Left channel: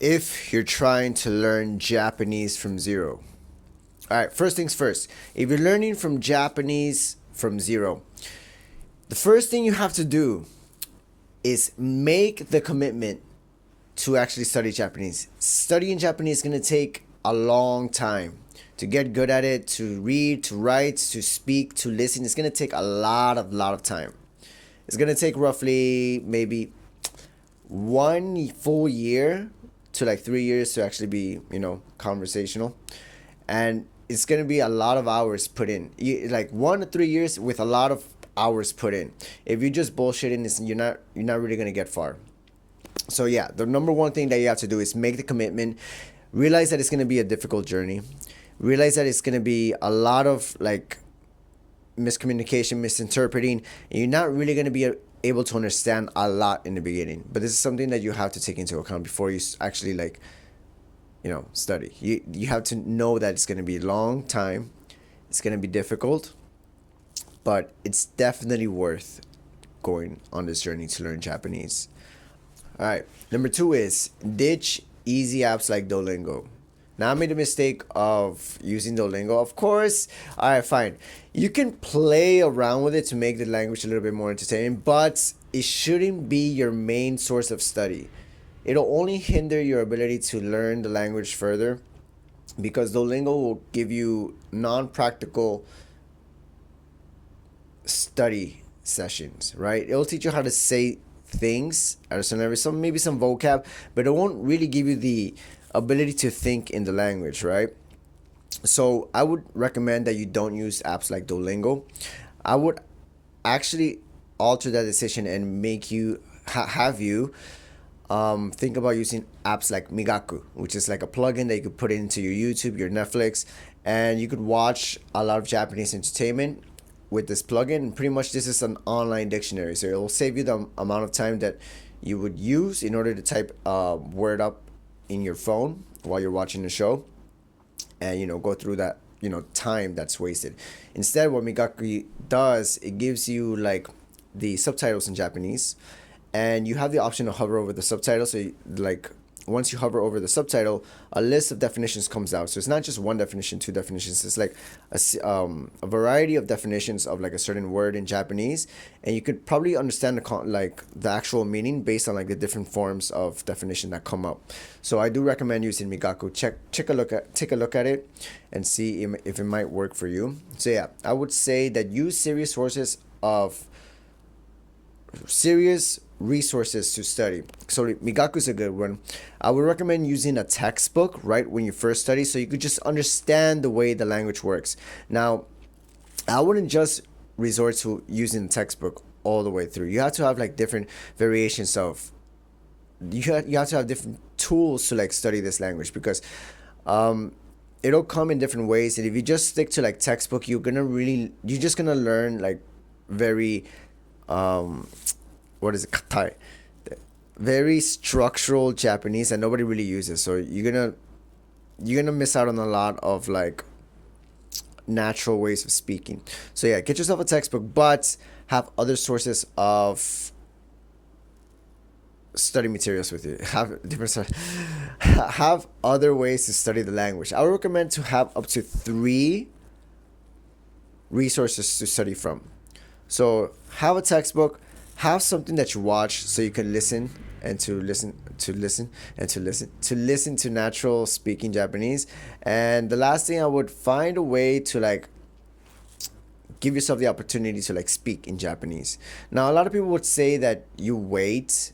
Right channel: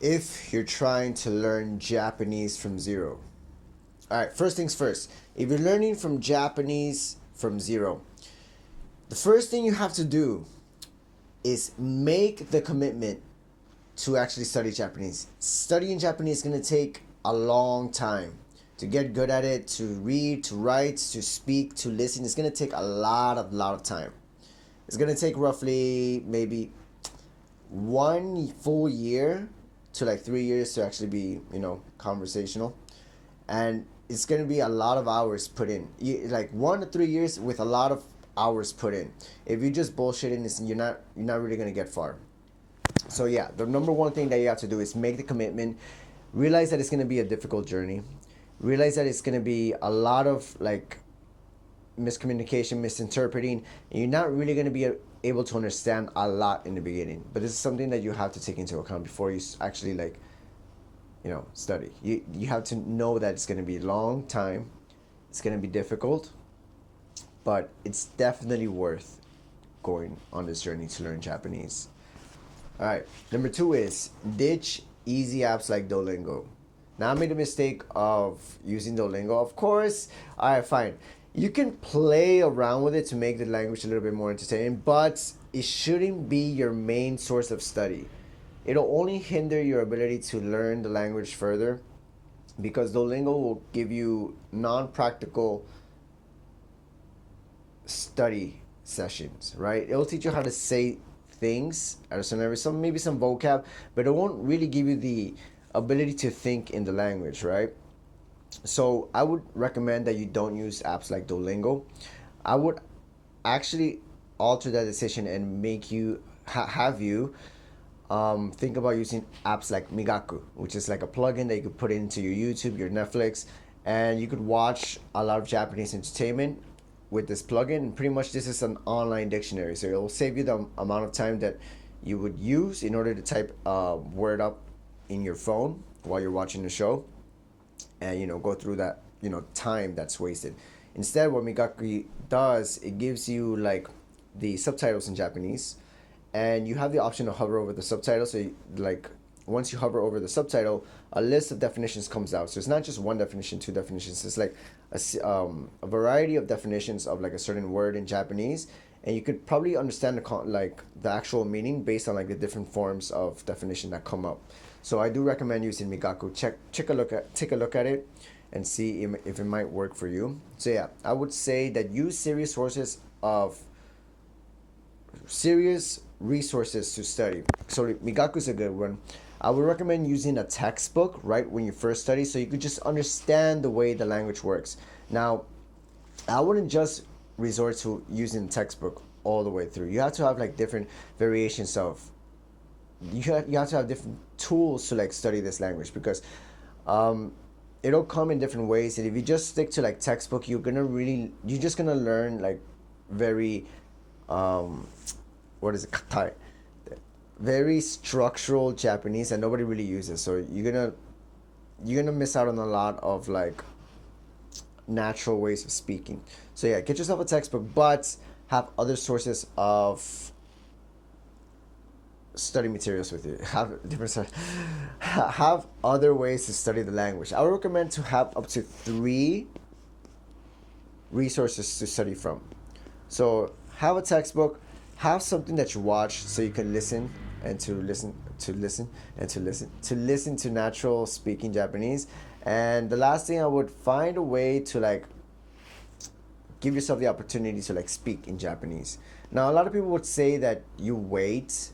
if you're trying to learn Japanese from zero. All right, first things first. If you're learning from Japanese from zero, the first thing you have to do is make the commitment to actually study Japanese. Studying Japanese is going to take a long time. To get good at it, to read, to write, to speak, to listen, it's going to take a lot of time. It's going to take roughly maybe 1 full year to like 3 years to actually be, conversational. And it's going to be a lot of hours put in. Like 1 to 3 years with a lot of hours put in. If you just bullshitting, you're not really going to get far. So yeah, the number one thing that you have to do is make the commitment. Realize that it's going to be a difficult journey. Realize that it's going to be a lot of like miscommunication, misinterpreting, and you're not really going to be able to understand a lot in the beginning. But this is something that you have to take into account before you actually like, study. You have to know that it's going to be a long time. It's going to be difficult, but it's definitely worth going on this journey to learn Japanese. All right. Number two is ditch easy apps like Duolingo. Now I made the mistake of using Duolingo. Of course, all right, fine. You can play around with it to make the language a little bit more entertaining, but it shouldn't be your main source of study. It'll only hinder your ability to learn the language further because Duolingo will give you non-practical study sessions, right? It'll teach you how to say things at a certain level, maybe some vocab, but it won't really give you the ability to think in the language, right? So I would recommend that you don't use apps like Duolingo. I would actually alter that decision and make you have you think about using apps like Migaku, which is like a plugin that you could put into your YouTube, your Netflix, and you could watch a lot of Japanese entertainment with this plugin. And pretty much this is an online dictionary, so it will save you the amount of time that you would use in order to type a word up in your phone while you're watching the show, and go through that time that's wasted. Instead, what Migaku does, it gives you like the subtitles in Japanese, and you have the option to hover over the subtitle. So like once you hover over the subtitle, a list of definitions comes out. So it's not just one definition, two definitions. It's like a variety of definitions of like a certain word in Japanese, and you could probably understand the actual meaning based on like the different forms of definition that come up. So I do recommend using Migaku. Take a look at it, and see if it might work for you. So yeah, I would say that use serious resources to study. So Migaku is a good one. I would recommend using a textbook right when you first study, so you could just understand the way the language works. Now, I wouldn't just resort to using the textbook all the way through. You have to have like different variations of. You have to have different tools to like study this language because it'll come in different ways. And if you just stick to like textbook, you're just gonna learn like very what is it, katai, very structural Japanese that nobody really uses. So you're gonna miss out on a lot of like natural ways of speaking. So yeah, get yourself a textbook, but have other sources of study materials with you. Have other ways to study the language. I would recommend to have up to 3 resources to study from. So have a textbook, have something that you watch so you can listen to natural speaking Japanese. And the last thing, I would find a way to like give yourself the opportunity to like speak in Japanese. Now a lot of people would say that you wait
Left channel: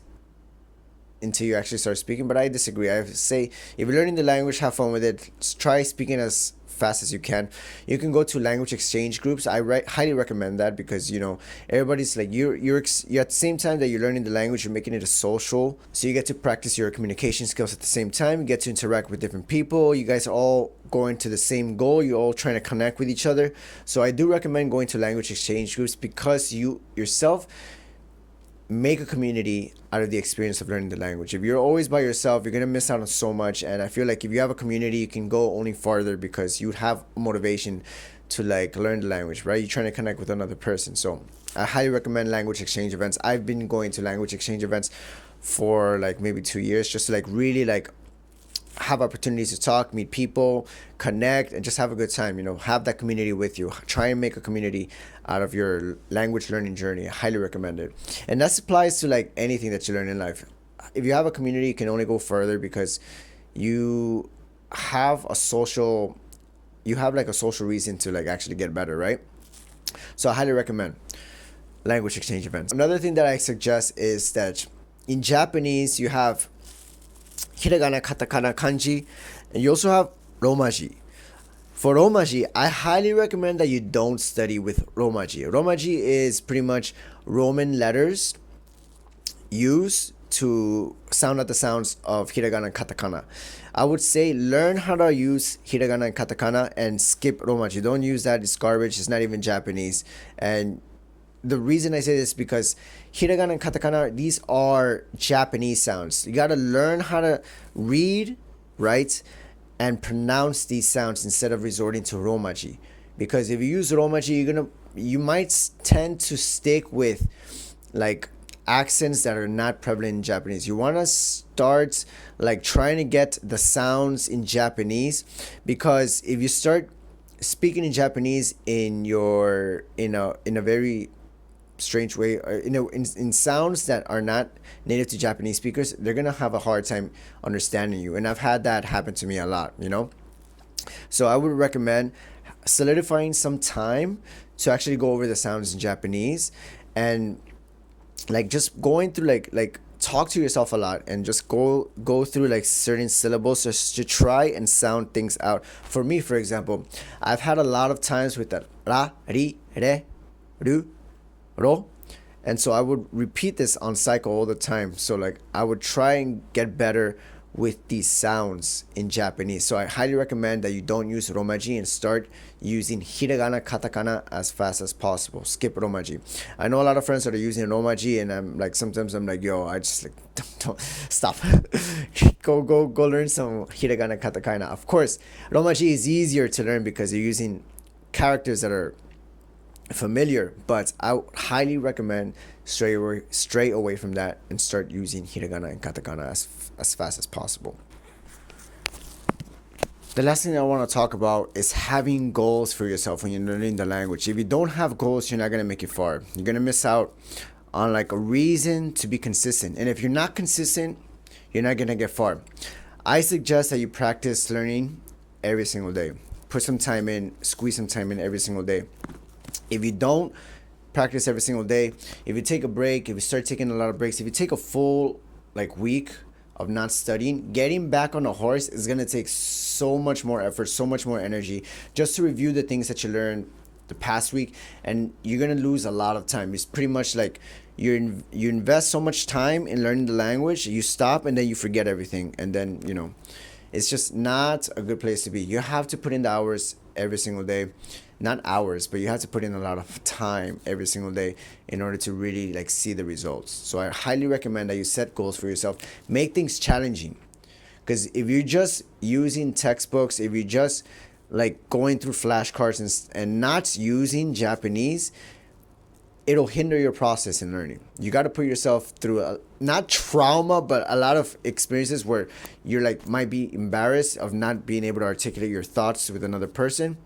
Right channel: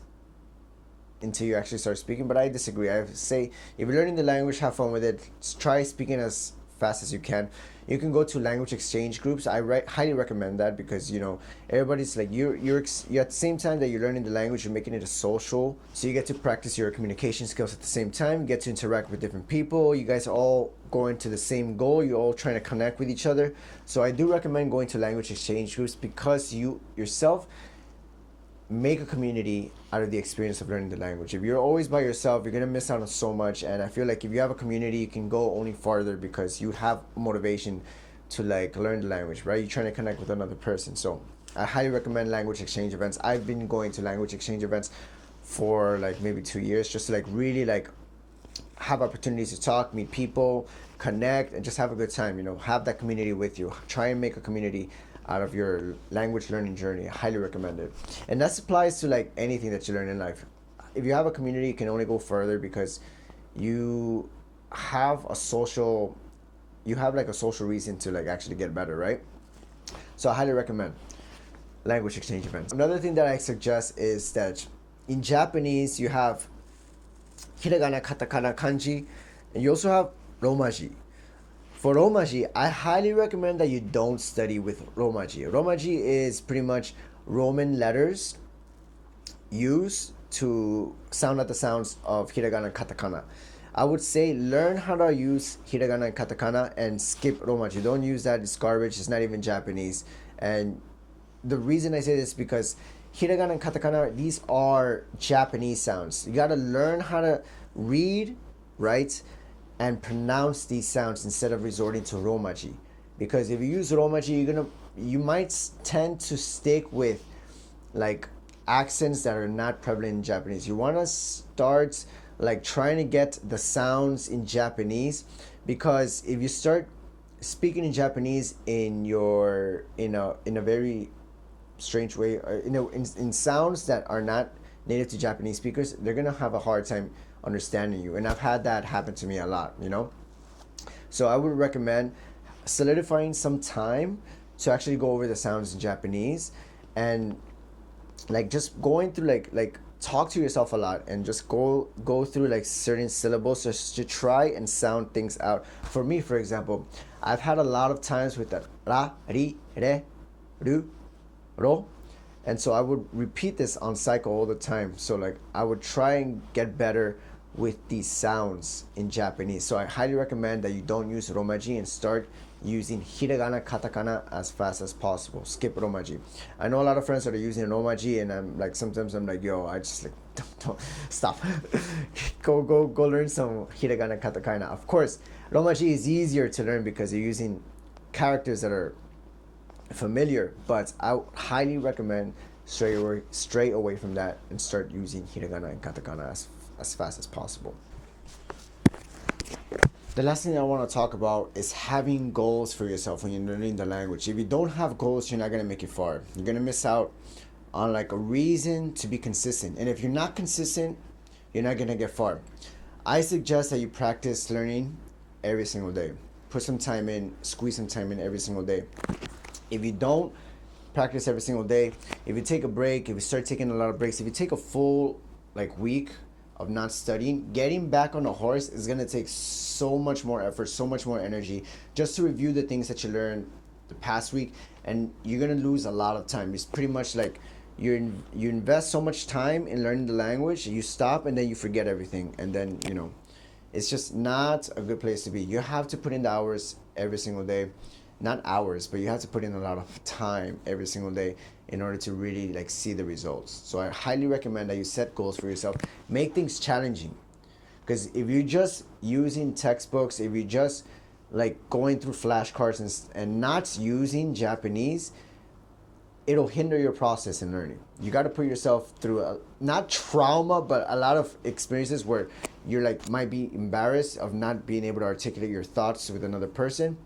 until you actually start speaking, but I disagree. I say if you're learning the language, have fun with it. Try speaking as fast as you can. You can go to language exchange groups. Highly recommend that because everybody's like you're at the same time that you're learning the language, you're making it a social, so you get to practice your communication skills at the same time. You get to interact with different people. You guys are all going to the same goal. You're all trying to connect with each other. So I do recommend going to language exchange groups because you yourself make a community out of the experience of learning the language. If you're always by yourself, you're gonna miss out on so much. And I feel like if you have a community, you can go only farther because you have motivation to like learn the language, right? You're trying to connect with another person. So I highly recommend language exchange events. I've been going to language exchange events for like maybe 2 years just to like really like have opportunities to talk, meet people, connect, and just have a good time. Have that community with you. Try and make a community out of your language learning journey. I highly recommend it. And that applies to like anything that you learn in life. If you have a community, you can only go further because you have a social you have like a social reason to like actually get better, right? So I highly recommend language exchange events. Another thing that I suggest is that in Japanese you have hiragana, katakana, kanji, and you also have romaji. For romaji, I highly recommend that you don't study with romaji. Romaji is pretty much Roman letters used to sound out the sounds of hiragana and katakana. I would say learn how to use hiragana and katakana and skip romaji. Don't use that. It's garbage. It's not even Japanese. And the reason I say this is because hiragana and katakana, these are Japanese sounds. You got to learn how to read, write, and pronounce these sounds instead of resorting to romaji. Because if you use romaji, you might tend to stick with like accents that are not prevalent in Japanese. You want to start like trying to get the sounds in Japanese, because if you start speaking in Japanese in a very strange way, or in sounds that are not native to Japanese speakers, they're gonna have a hard time understanding you. And I've had that happen to me a lot. So I would recommend solidifying some time to actually go over the sounds in Japanese, and like just going through like talk to yourself a lot and just go through like certain syllables just to try and sound things out. For me, for example, I've had a lot of times with the ra, ri, re, ru, ro, and so I would repeat this on cycle all the time. So like I would try and get better with these sounds in Japanese. So I highly recommend that you don't use romaji and start using hiragana, katakana as fast as possible. Skip romaji. I know a lot of friends that are using romaji, and I'm like, sometimes I'm like, yo, I just like don't stop. go learn some hiragana, katakana. Of course, romaji is easier to learn because you're using characters that are familiar, but I highly recommend stray away from that and start using hiragana and katakana as fast as possible. The last thing I want to talk about is having goals for yourself when you're learning the language. If you don't have goals, you're not going to make it far. You're going to miss out on like a reason to be consistent. And if you're not consistent, you're not going to get far. I suggest that you practice learning every single day. Put some time in, squeeze some time in every single day. If you don't practice every single day, if you take a break, if you start taking a lot of breaks, if you take a full like week of not studying, getting back on a horse is going to take so much more effort, so much more energy just to review the things that you learned the past week, and you're going to lose a lot of time. It's pretty much like you invest so much time in learning the language, you stop and then you forget everything, and then it's just not a good place to be. You have to put in the hours every single day. Not hours, but you have to put in a lot of time every single day in order to really like see the results. So I highly recommend that you set goals for yourself. Make things challenging, because if you're just using textbooks, if you're just like going through flashcards and not using Japanese, it'll hinder your process in learning. You got to put yourself through not trauma, but a lot of experiences where you're like might be embarrassed of not being able to articulate your thoughts with another person.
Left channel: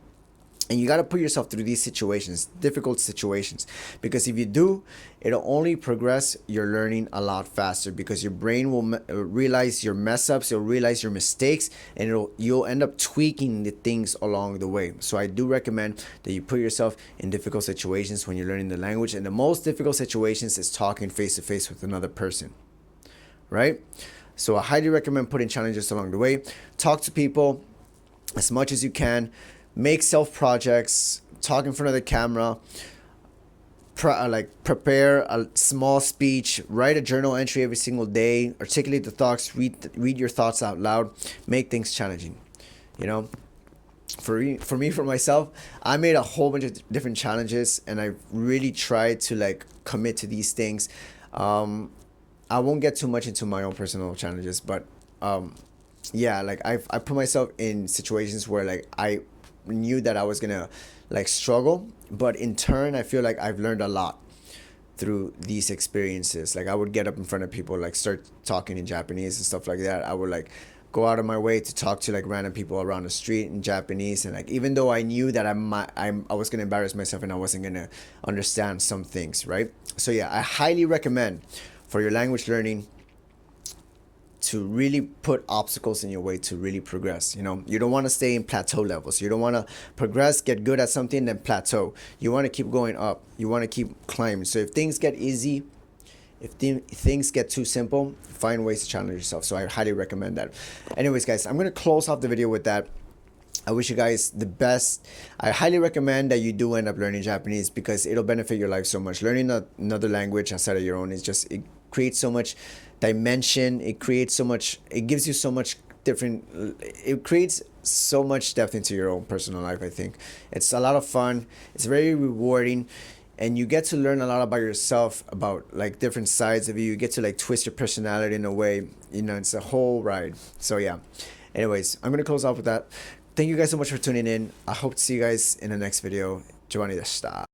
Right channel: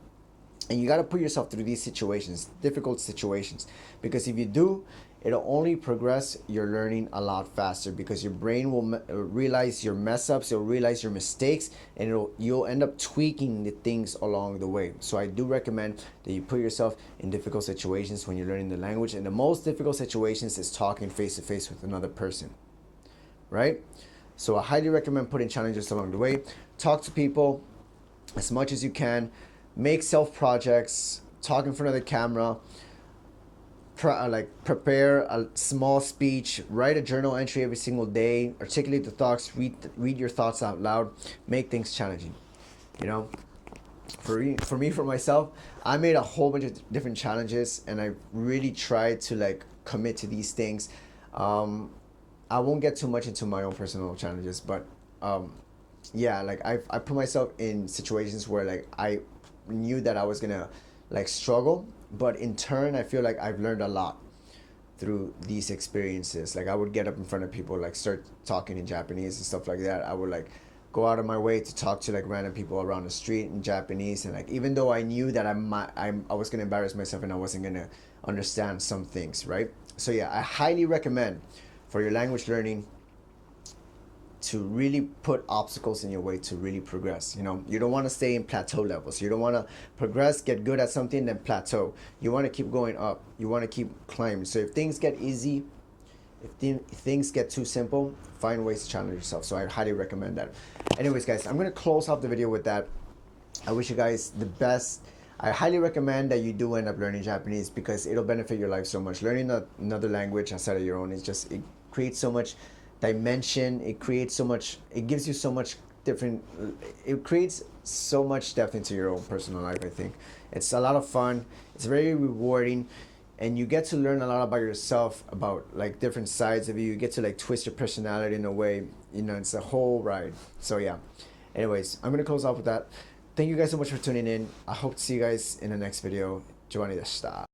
And you got to put yourself through these situations, difficult situations, because if you do, it'll only progress your learning a lot faster, because your brain will realize your mess ups, you'll realize your mistakes, and you'll end up tweaking the things along the way. So I do recommend that you put yourself in difficult situations when you're learning the language. And the most difficult situations is talking face to face with another person, right? So I highly recommend putting challenges along the way. Talk to people as much as you can. Make self projects, talk in front of the camera, prepare a small speech, write a journal entry every single day, articulate the thoughts, read your thoughts out loud, make things challenging. For myself, I made a whole bunch of different challenges, and I really tried to like commit to these things. I won't get too much into my own personal challenges, but yeah, like I put myself in situations where like I knew that I was gonna like struggle, but in turn I feel like I've learned a lot through these experiences. Like I would get up in front of people, like start talking in Japanese and stuff like that. I would like go out of my way to talk to like random people around the street in Japanese, and like even though I knew that I was gonna embarrass myself and I wasn't gonna understand some things, right? So yeah, I highly recommend for your language learning to really put obstacles in your way to really progress. You know, you don't want to stay in plateau levels. You don't want to progress, get good at something, then plateau. You want to keep going up. You want to keep climbing. So if things get easy, if things get too simple, find ways to challenge yourself. So I highly recommend that. Anyways, guys, I'm going to close off the video with that. I wish you guys the best. I highly recommend that you do end up learning Japanese because it'll benefit your life so much. Learning another language outside of your own is just, it creates so much dimension. It creates so much, it gives you so much different, it creates so much depth into your own personal life. I think it's a lot of fun. It's very rewarding. And you get to learn a lot about yourself, about like different sides of you. You get to like twist your personality in a way, you know, it's a whole ride. So yeah, anyways, I'm gonna close off with that. Thank you guys so much for tuning in. I hope to see you guys in the next video. Giovanni deshita.